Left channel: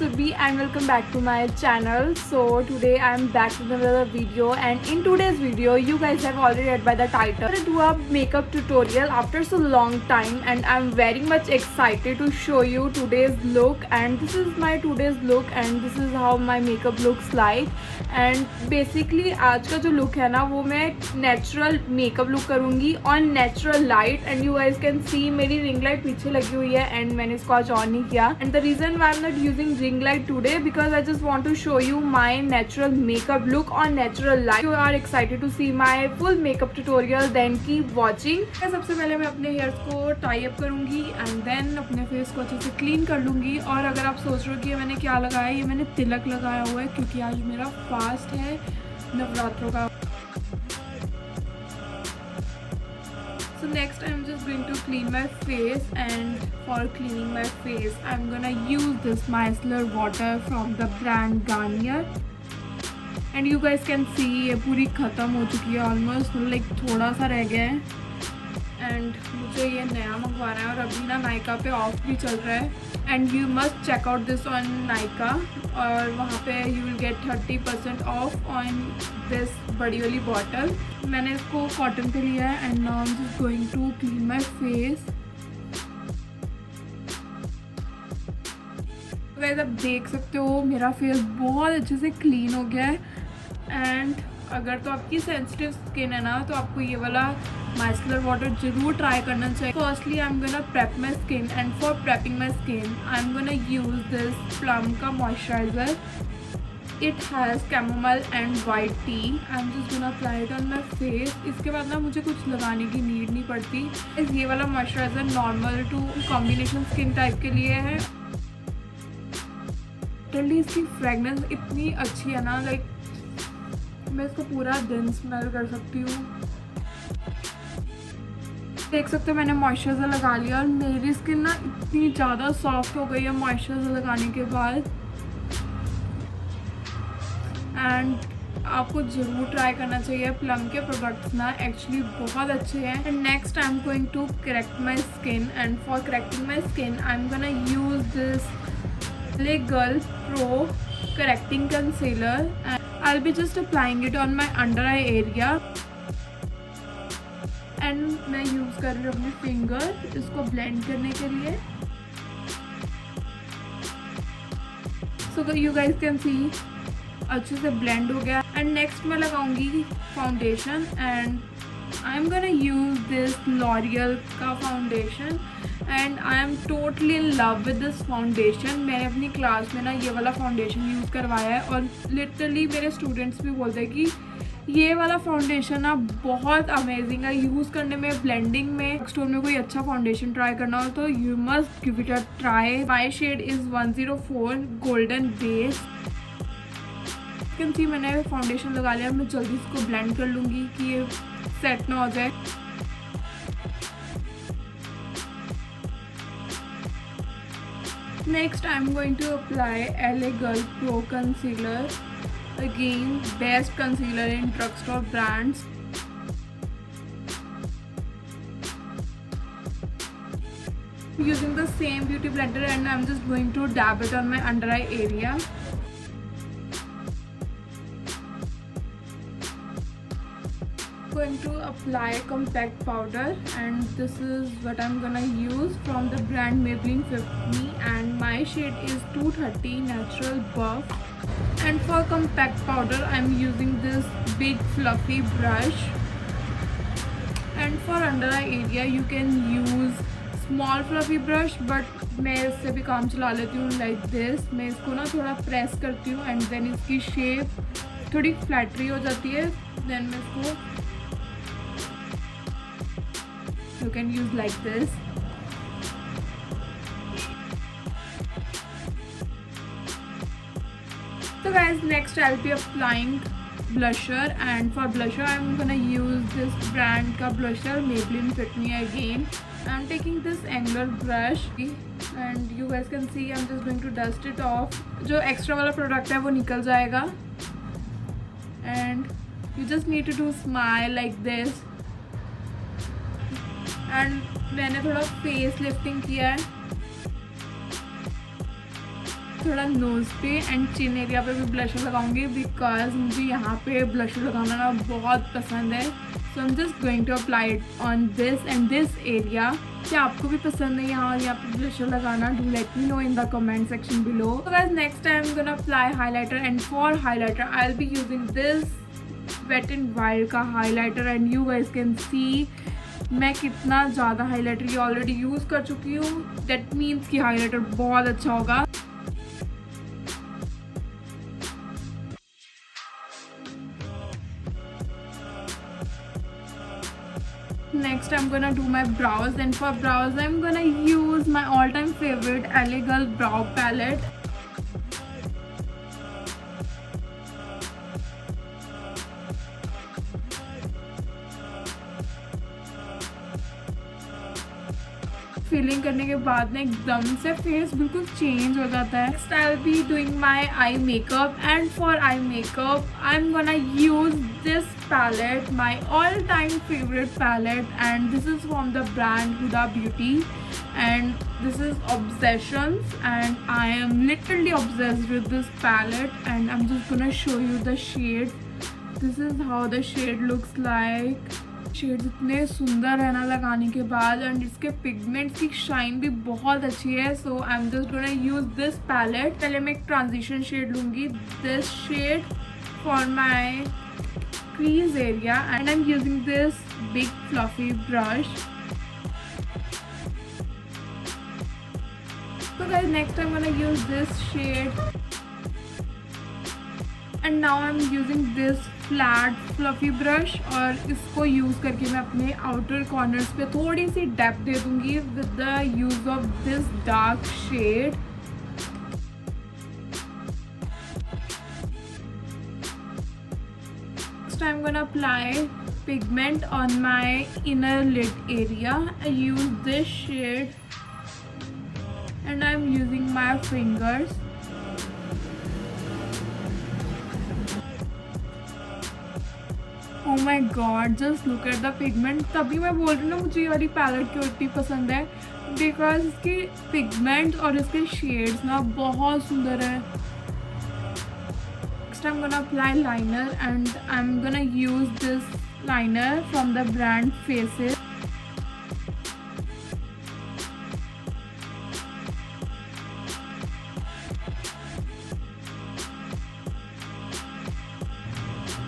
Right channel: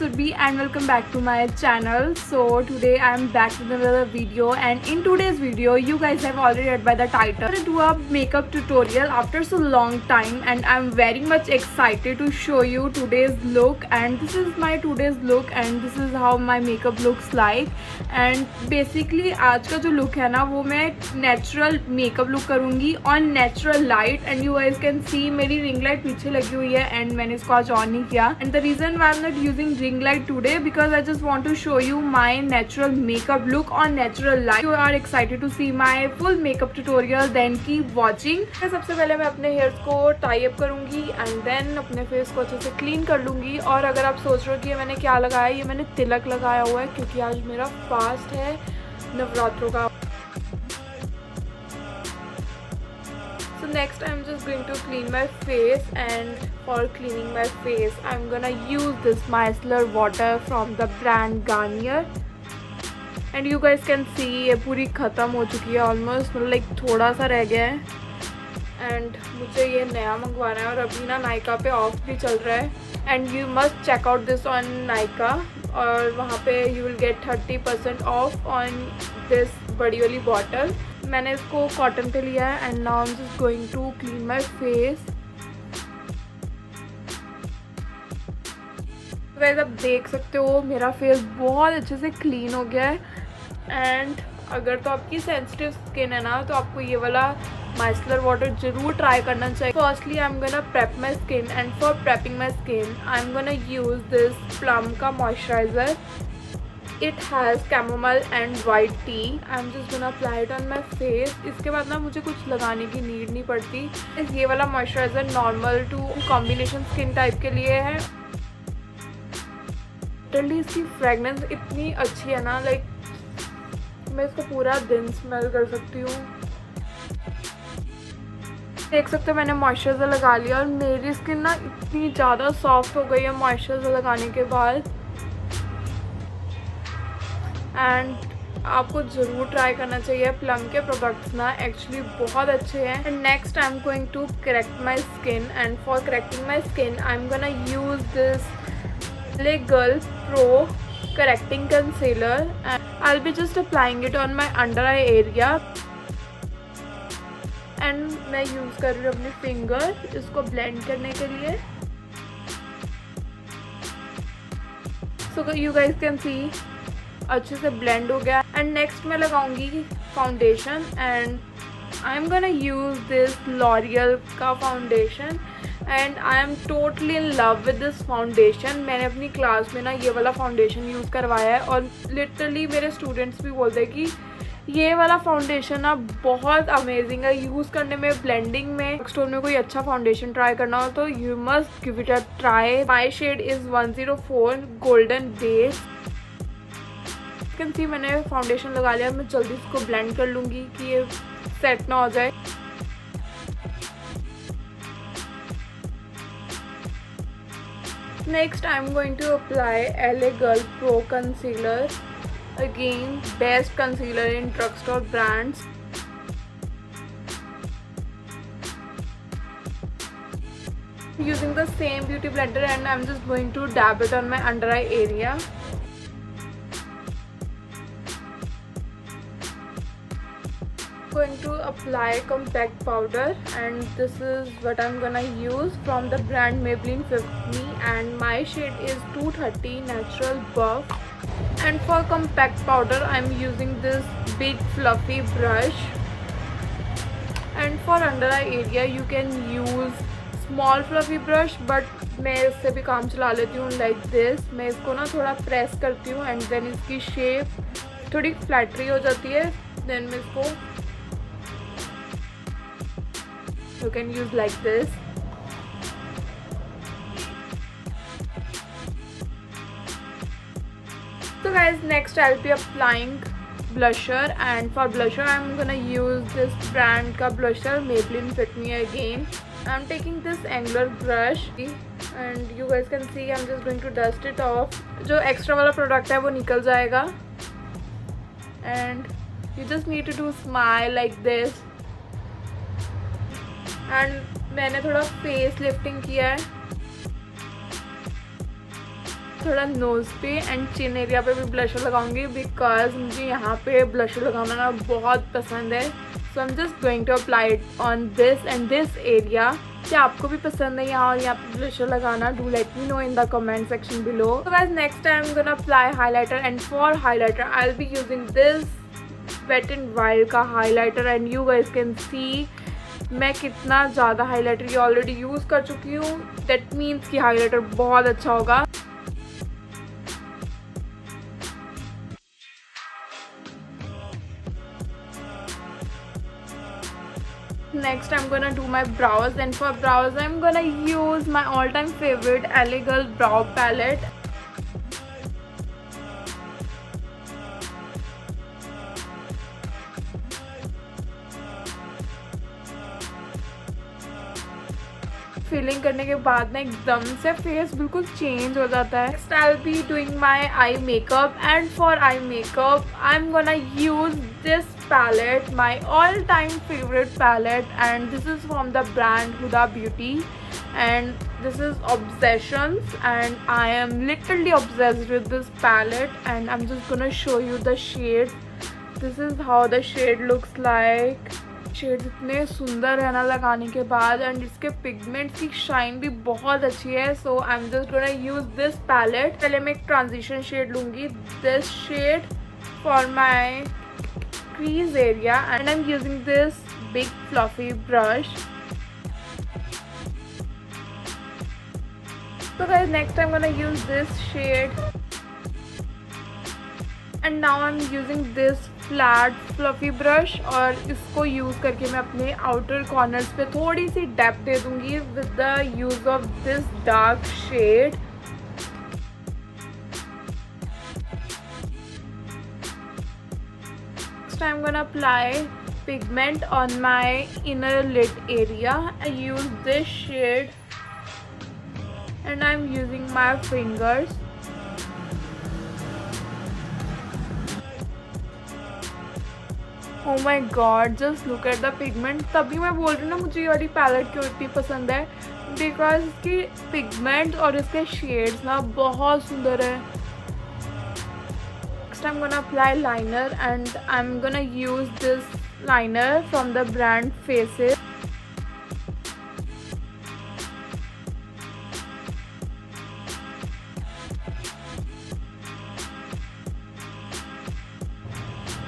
Surbhi and welcome back to my channel. So today I am back with another video, and in today's video you guys have already read by the title. I'm gonna do a makeup tutorial after so long time, and I'm very much excited to show you today's look. And this is my today's look and this is how my makeup looks like. And basically आज का जो look है ना वो मैं natural makeup look करूँगी on natural light, and you guys can see मेरी ring light पीछे लगी हुई है and मैंने इसको आज on नहीं किया. And the reason why I'm not using ring light today because I just want to show you my natural makeup look on natural light. If you are excited to see my full makeup tutorial then keep watching. सबसे पहले मैं अपने hairs को tie up करूँगी and then अपने face को अच्छे से क्लीन कर लूँगी. और अगर आप सोच रहे हो कि मैंने क्या लगाया, ये मैंने तिलक लगाया हुआ है क्योंकि आज मेरा फास्ट है नवरात्रों का. Next I'm just going to clean my face, and for cleaning my face I'm gonna use this micellar water from the brand Garnier. And you guys can see ये पूरी ख़त्म हो चुकी है ऑलमोस्ट, मतलब लाइक थोड़ा सा रह गया है. एंड मुझे ये नया मंगवाना है और अभी ना नायका पे ऑफ भी चल रहा है. And you must check out this on Nykaa, और वहाँ पे you will get 30% off on this बड़ी वाली बॉटल. मैंने इसको कॉटन पे लिया है. And now I am just going to clean my face. Guys आप देख सकते हो मेरा फेस बहुत अच्छे से क्लीन हो गया है. एंड अगर तो आपकी सेंसिटिव स्किन है ना तो आपको ये वाला माइसलर वाटर जरूर ट्राई करना चाहिए. Firstly I am gonna prep my skin, and for prepping my skin I am gonna use this Plum का moisturiser. It has chamomile and white tea. I am just gonna apply it on my face. इसके बाद ना मुझे कुछ लगाने की need नहीं पड़ती. ये वाला moisturiser normal to combination skin type के लिए है. टोटली इसकी फ्रेगनेंस इतनी अच्छी है ना, लाइक मैं इसको पूरा दिन स्मेल कर सकती हूँ. देख सकते हो मैंने मॉइस्चराइज़र लगा लिया और मेरी स्किन ना इतनी ज़्यादा सॉफ्ट हो गई है मॉइस्चराइज़र लगाने के बाद. एंड आपको ज़रूर ट्राई करना चाहिए. प्लम के प्रोडक्ट्स ना एक्चुअली बहुत अच्छे हैं. And next I am going to correct my skin, and for correcting my skin I am gonna use this LA Girl Pro Correcting Concealer, and I'll be just applying it on my under eye area. And मैं use कर रही हूँ अपनी finger इसको blend करने के लिए. So you guys can see अच्छे से ब्लेंड हो गया. एंड नेक्स्ट मैं लगाऊंगी foundation, and I am gonna use this L'Oreal का foundation. And I am totally in love with this foundation. मैंने अपनी क्लास में ना ये वाला फाउंडेशन यूज़ करवाया है और लिटरली मेरे स्टूडेंट्स भी बोलते हैं कि ये वाला फाउंडेशन ना बहुत अमेजिंग है यूज़ करने में, ब्लेंडिंग में. स्टोर में कोई अच्छा फाउंडेशन ट्राई करना हो तो you must give it a try. My shade is 104 golden base. Can see मैंने फाउंडेशन लगा लिया. मैं जल्दी इसको ब्लेंड कर लूँगी कि ये सेट ना हो जाए. Next I am going to apply LA Girl Pro Concealer. Again, best concealer in drugstore brands. Using the same beauty blender, and I am just going to dab it on my under eye area. Going to apply compact powder, and this is what I'm gonna use from the brand Maybelline Fit Me, and my shade is 230 Natural Buff. And for compact powder I'm using this big fluffy brush. And for under eye area you can use small fluffy brush, but मैं इससे भी काम चला लेती हूँ like this. मैं इसको ना थोड़ा प्रेस करती हूँ एंड देन इसकी शेप थोड़ी फ्लैटरी हो जाती है. देन मैं इसको you can use like this. So guys, next I'll be applying blusher, and for blusher I'm gonna use this brand ka blusher Maybelline Fit Me again. I'm taking this angular brush, and you guys can see I'm just going to dust it off. जो extra वाला product है वो निकल जाएगा. And you just need to do smile like this. And मैंने थोड़ा face lifting किया है. थोड़ा नोज़ पे एंड चिन एरिया पे भी ब्लशर लगाऊंगी बिकॉज मुझे यहाँ पे ब्लशर लगाना ना बहुत पसंद है. So I am just going to apply it on this and this area. क्या आपको भी पसंद है यहाँ पे ब्लशर लगाना? Do let me know in the comment section below. So guys next I am gonna apply highlighter and for highlighter I will be using this Wet and Wild का highlighter and you guys can see मैं कितना ज़्यादा highlighter ये already use कर चुकी हूँ. That means कि highlighter बहुत अच्छा होगा. Next I'm gonna do my brows and for brows I'm gonna use my all-time favorite LA Girl brow palette. Filling करने के बाद ना एकदम से फेस बिल्कुल चेंज हो जाता है. Next I will be doing my eye makeup and for eye makeup I am gonna use this palette, my all-time favorite palette, and this is from the brand Huda Beauty and this is Obsessions and I am literally obsessed with this palette and I'm just gonna show you the shade. This is how the shade looks like. Shade इतने सुंदर है ना लगाने के बाद and इसके pigments की shine भी बहुत अच्छी है. So I am just gonna use this palette. पहले मैं एक ट्रांजिशन शेड लूँगी. This shade for my crease area and I'm using this big fluffy brush. So guys next I'm gonna use this shade and now I'm using this flat fluffy brush और इसको use करके मैं अपने outer corners पे थोड़ी सी depth दे दूँगी with the use of this dark shade. I'm gonna apply pigment on my inner lid area. I use this shade and I'm using my fingers. Oh my god, just look at the pigment. तभी मैं बोल रही हूँ ना मुझे ये वाली palette क्यों इतनी पसंद है बिकॉज इसकी पिगमेंट और इसके शेड्स ना बहुत सुंदर है. I'm gonna apply liner and I'm gonna use this liner from the brand Faces.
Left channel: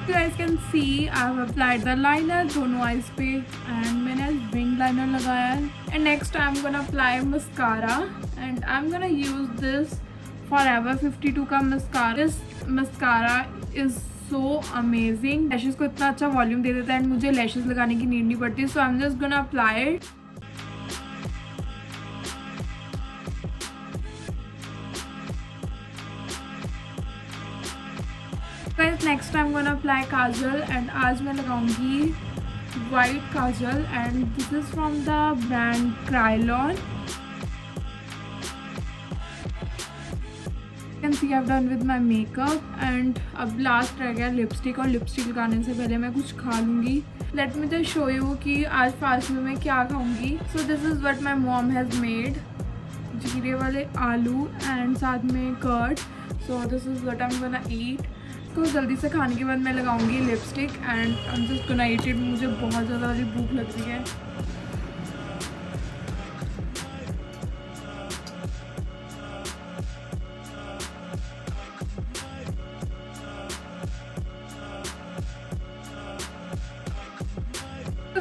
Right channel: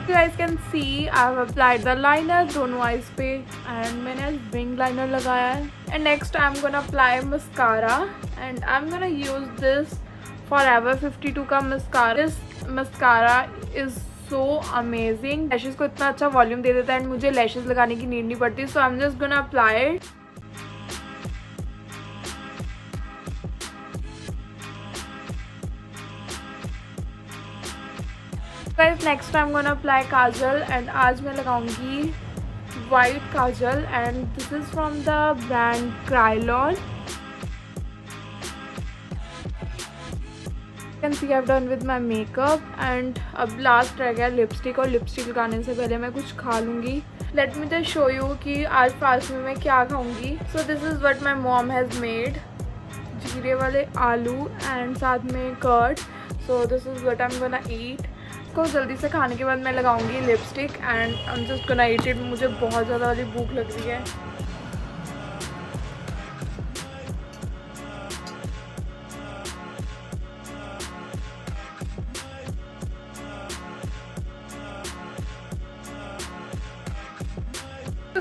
You guys can see I've applied the liner दोनों eyes पे and मैंने आज wing liner लगाया है. And next I'm gonna apply mascara and I'm gonna use this Forever 52 का mascara. Mascara is so amazing. Lashes को इतना अच्छा वॉल्यूम दे देता है एंड मुझे लैशेज़ लगाने की नीड नहीं पड़ती. So I am just gonna apply it. Guys next I am gonna apply kajal and आज मैं लगाऊंगी white kajal and this is from the brand Kryolan. Can see have done with my makeup and अब last रह गया lipstick और lipstick लगाने से पहले मैं कुछ खा लूँगी. Let me just show you कि आज फास्ट में मैं क्या खाऊँगी. So this is what my mom has made. जीरे वाले आलू एंड साथ में curd. So this is what I am gonna eat. इसको जल्दी से खाने के बाद मैं लगाऊँगी lipstick and I am just gonna eat it. मुझे बहुत ज़्यादा वाली भूख लग रही है.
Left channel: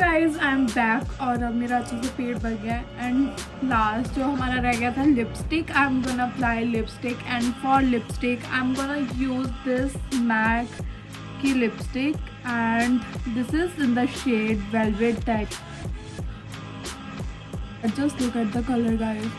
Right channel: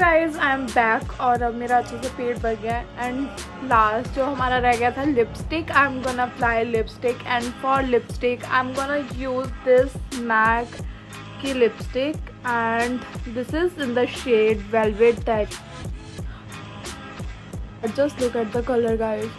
गाइज आई एम बैक और अब मेरा अच्छे से पेट भर गया है एंड लास्ट जो हमारा रह गया था lipstick. I am gonna apply lipstick and for lipstick I am gonna use this MAC की lipstick and this is in the shade velvet type. Just look at the colour guys.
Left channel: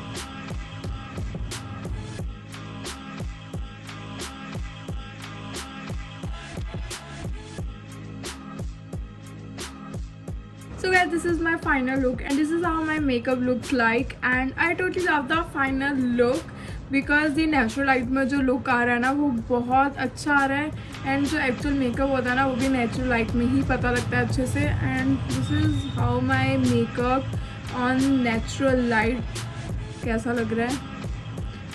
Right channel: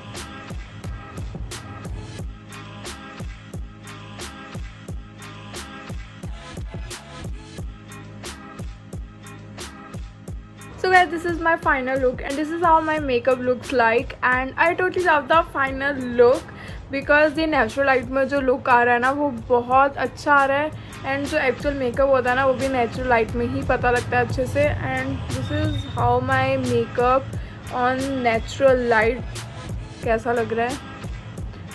So guys, this is my final look and this is how my makeup looks like and I totally love the final look because ये natural light में जो look आ रहा है ना वो बहुत अच्छा आ रहा है एंड जो एक्चुअल मेकअप होता है ना वो भी नेचुरल लाइट में ही पता लगता है अच्छे से. And this is how my makeup on natural light. कैसा लग रहा है?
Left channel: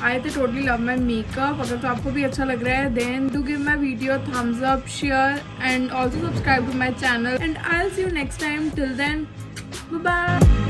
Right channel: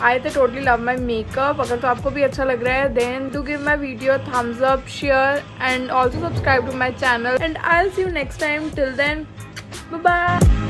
आई थे टोटली लव माई मेकअप। अगर तो आपको भी अच्छा लग रहा है then do give my video thumbs up, share and also subscribe to my channel and I will see you next time. Till then bye bye.